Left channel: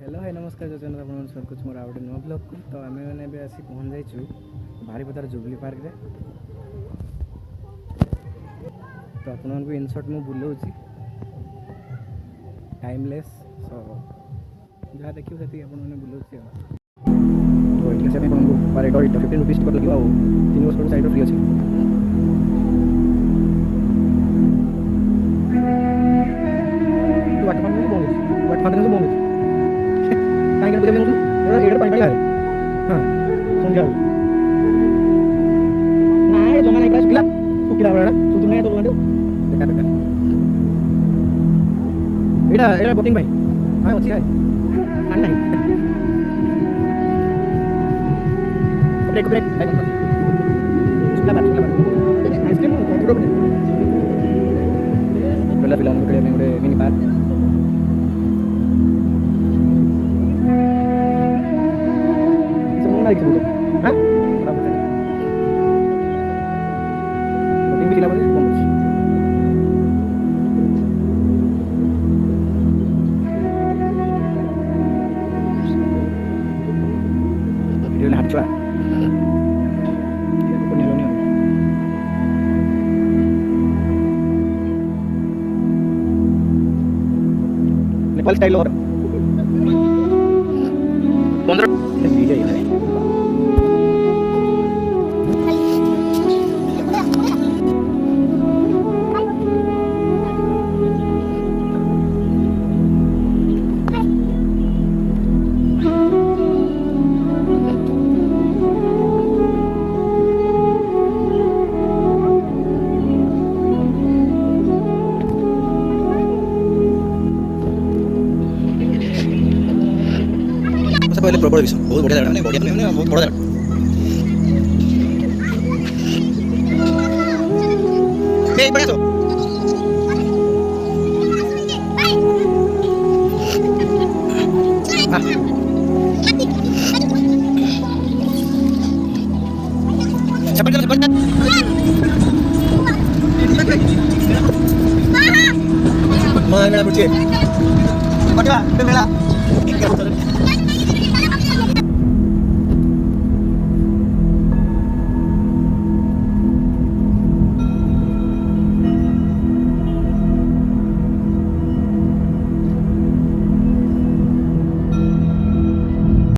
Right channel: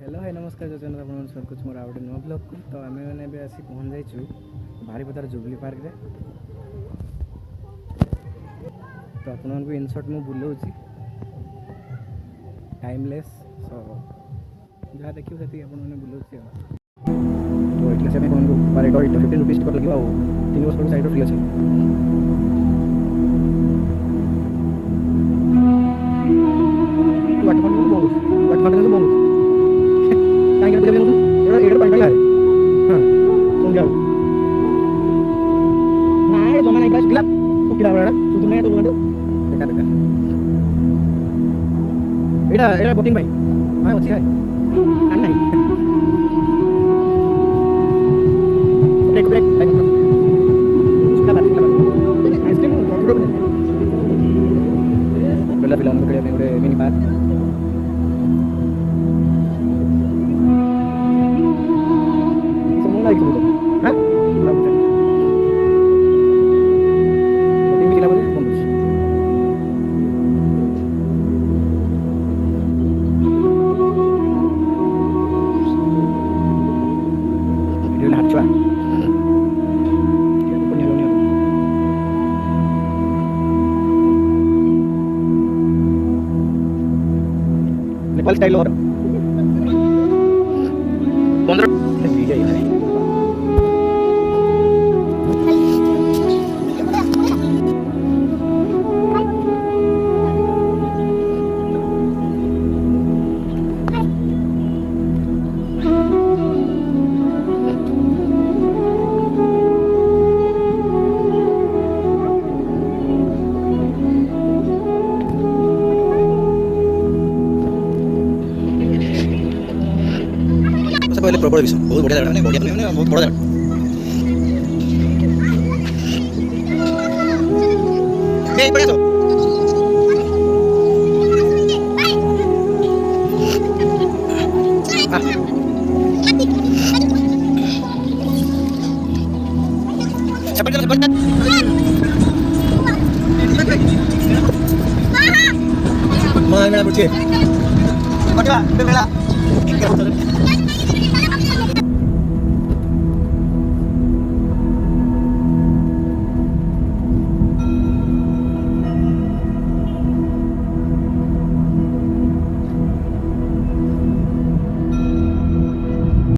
Hello hi नमस्कार जजन आपन स्वागत मोर आउट नुआ ब्लॉग को तो आमे माने बे आसी पहुंच जाइछु बारीपदार जुबली पार्क रे तो आपन को इन शॉर्ट मु बुलाउची टाइमलेस सो जहाँ देखियो सेती आपन माने बुलाउची तो इतले से आपन को पर एडो 15 रुपीस टिकट লাগিব आ 3 वर्ष साइड फ्री अछि वाट फाटन को बोलू काहे के बुझे एडो एडो पानी पानी हां सुन जाओ ना ए जमा नाही का सुकिला बडा सुदु नाही तो बोलंदो बेकार बेकार एडा बोटिंग भाई हां अछि है आन नाही ब्रेक ब्रेक सुकिला बात आइसक्रीम थोड़ो बने पहला फिल्म को में गोटे mini park lagi sebut, hah? Berapa tadi? Boting bikin apa sih? Bonus. Video lahat cuan. Kita punya lonia. Nepal style और 15 video ini. पहले प्रॉपर विषय बहुत बढ़िया लगा बढ़िया बहुत बड़ा ए बढ़िया तो Mana berarti? Macam apa? Bela.